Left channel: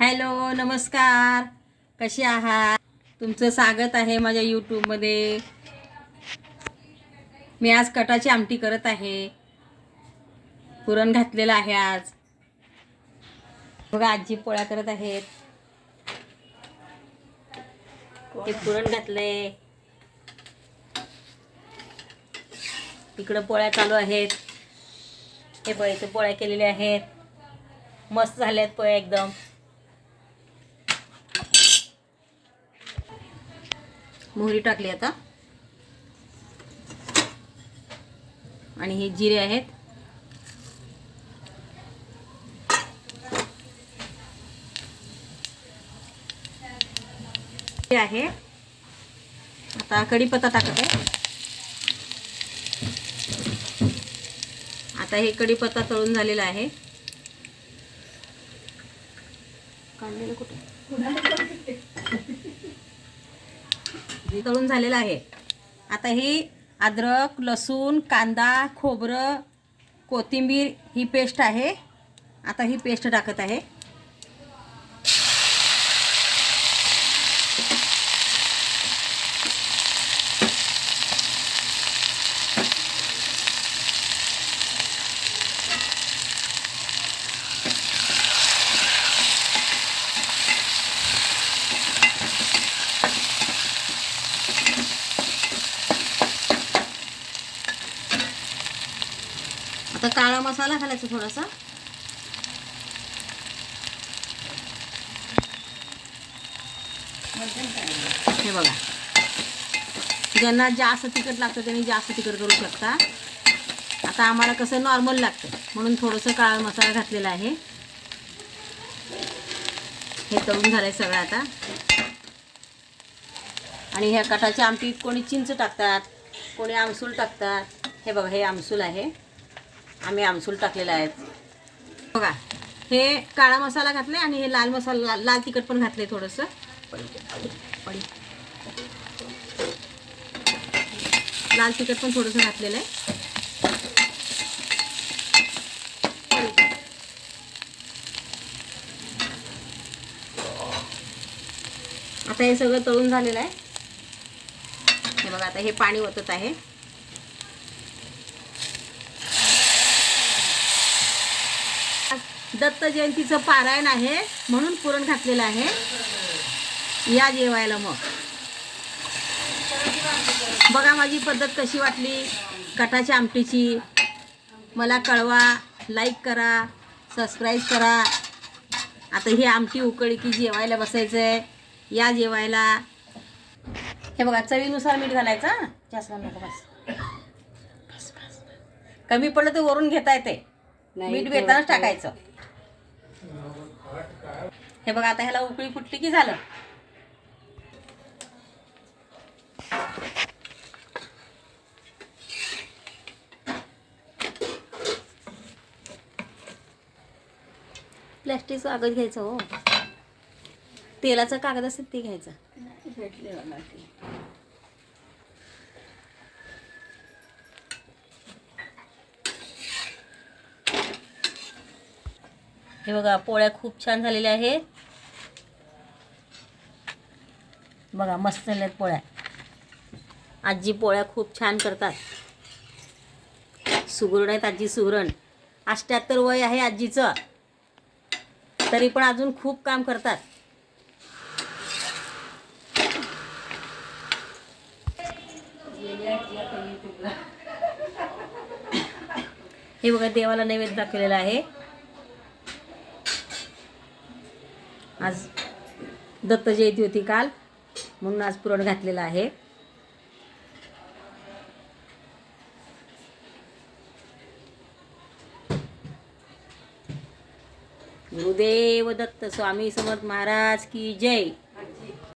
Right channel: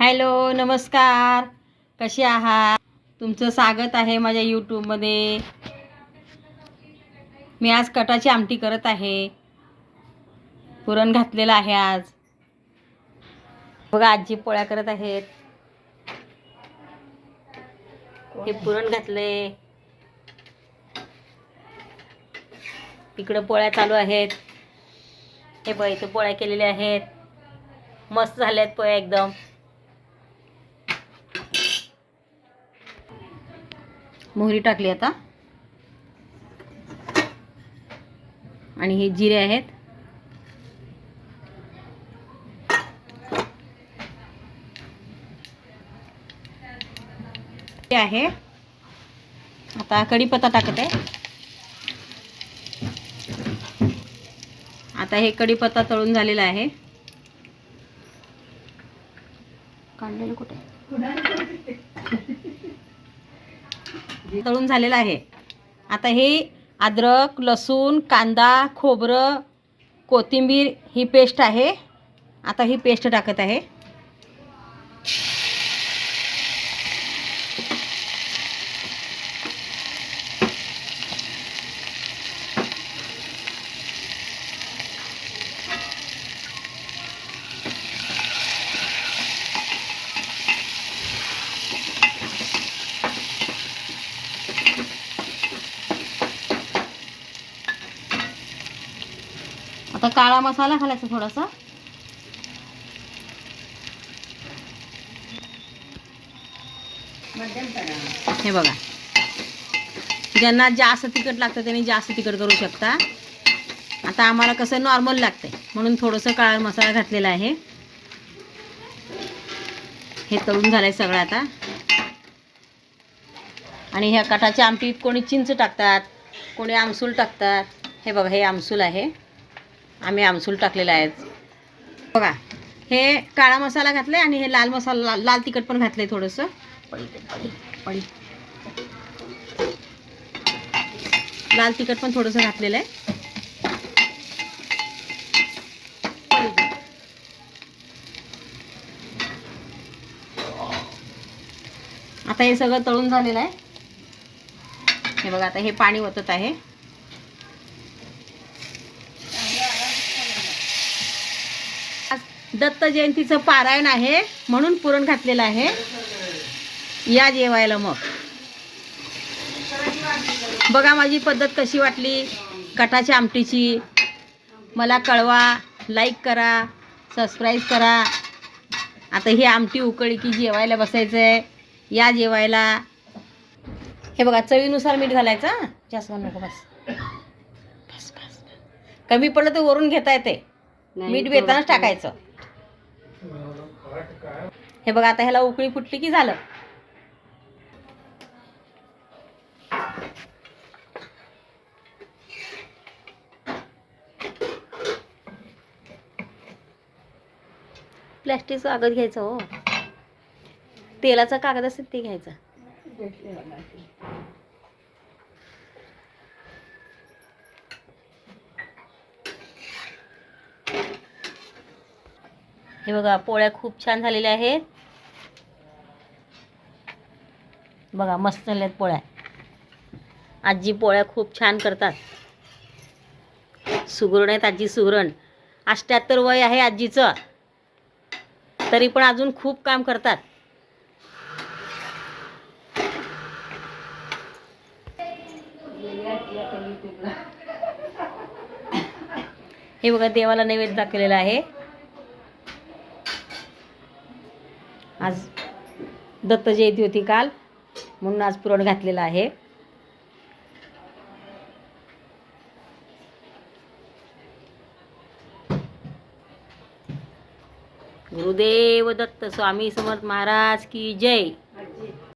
Hello नमस्कार. कसे आहात? तुमचं स्वागत आहे माझ्या यूट्यूबमध्ये मी आज कटाची आमटी करत आहे. पुरण घातलेलं आहे आज. बघा आजी पोळ्या करत आहेत. ते पुरण घातले इकडं पोळ्या चालू आहेत. हे बघ इथं पोळ्या केलेल्या आहेत. मस्त झाल्या आहेत पोळ्या एकदम. मोहरी टाकली आता. आणि हे जिरे आहेत. हे आहे. आता कढीपत्ता टाकत. आहे आता हे कढीपत्ता तळून झालेला आहे. कांदे कुठे? तळून झालेलं आहे. आता हे अद्रक लसूण कांदा खोबरं कोथिंबीर ही पेस्ट आहे. आता ही पेस्ट टाकत आहे. आता काळा मसाला घालायचा थोडासा. हे बघा. ज्यांना जास्त तिखट लागतं त्यांनी जास्त तिखट करू शकता. आता आम्हाला कसं नॉर्मल लागतं म्हणून थोडंसं काळा मसाला घातलेला आहे. हे तळून घालायचं सगळं आता. आणि ह्या कटाच्या आमटीत कोणी चिंच टाकतात कोणी आमसूल टाकतात. हे बघा हे आमसूल आहे. आम्ही आमसूल टाकलेला आहे बघा हे काळा मसाला घातला आणि हे लाल मसाला लाल लाल तिखट पण घातलं आहे थोडंसं. लाल तिखट पण थोडंसं घातलेलं आहे. आता हे सगळं तळून झालेलं आहे. हे बघा आता हे पाणी ओतत आहे. दत्त जयंतीचं पारायण आहे म्हणून पुरण घातलेलं आहे. या जेवायला मग. बघा माझी पद्धत कशी वाटली. कटाच्या आमटीची. मला कळवा लाईक करा सबस्क्राईब करा. आता ही आमटी उकळी की जेवायला बसायचं आहे या जेवायला. हे बघा चवीनुसार मीठ घालायचं. जास्त नका बस. बस बस कमी पडलं तर वरून घेता येते. मीठ बेतानच टाकायचं. हे बघा आता ह्याला उकळी फुटली की झालं? प्लॅस्टिकचं कागद घ्यायचं हो. तेलाचा कागद असेल ते घ्यायचा. हे बघा पोळ्या खूप छान झालेल्या आहेत. बघा मस्त झाल्या आहेत पोळ्या. आजी पोळ्या खूप छान करतात. सुगरण आहेत आजी सुगरण अष्ट्याहत्तर वय आहे आजीचं. तरी पण अजून खूप काम करतात. हे बघा देवाला नैवेद्य दाखवलेला आहे. आज दत्त जयंती होती काल म्हणून आज पुरण घातलेलं आहे. गुरुदेव दत्त स्वामी समर्थ महाराज की जय.